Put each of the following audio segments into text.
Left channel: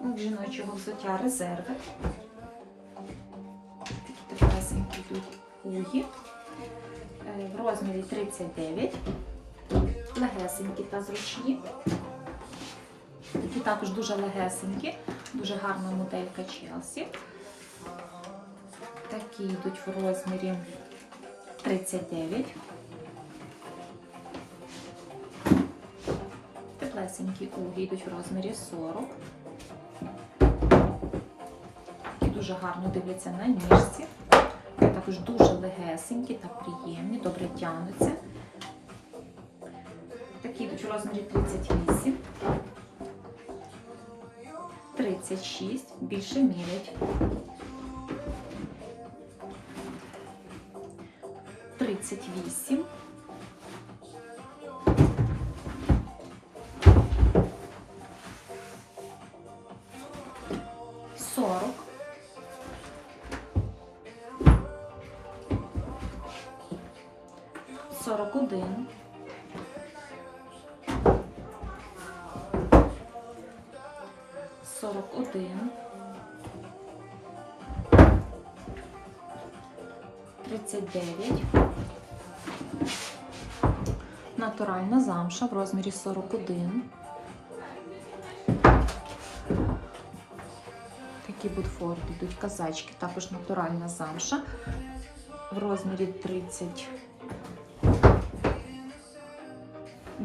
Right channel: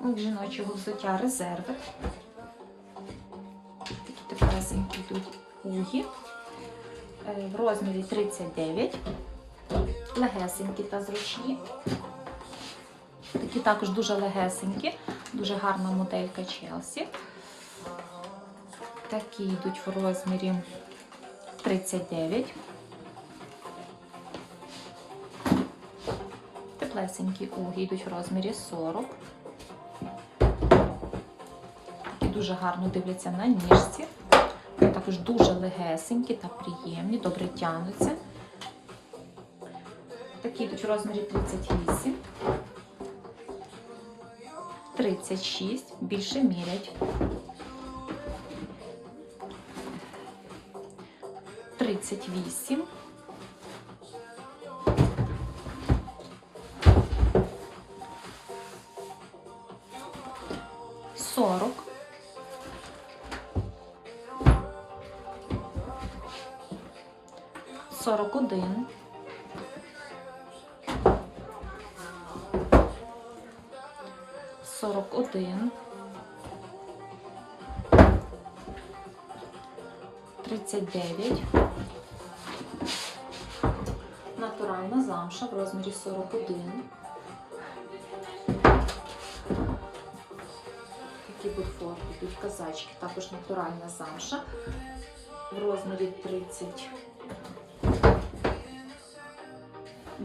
У жіночого взуття резерви. Такі теплесенькі йдуть угі. Е, В розмірі 39. Легесенькі та зручні. Такі також дуже легесенькі, дуже гарна моделька Челсі. Такі йдуть в розмірі 39. Теплесенькі уги йдуть в розмірі 40. Дуже гарно дивляться на ніжці. Також дуже легесенькі та приємні, добре тягнуться. Такі йдуть в розмірі 38. 36, більше мірять. 38. Сорок. Сорок один. Сорок один. Тридцять дев'ять. Натуральна замша в розмірі 41. Такі бутфорти, йдуть казачки, також натуральна замша в розмірі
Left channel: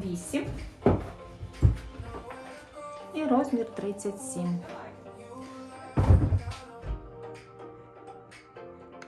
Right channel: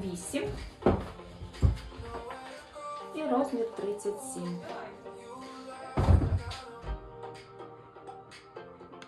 38 і розмір 37.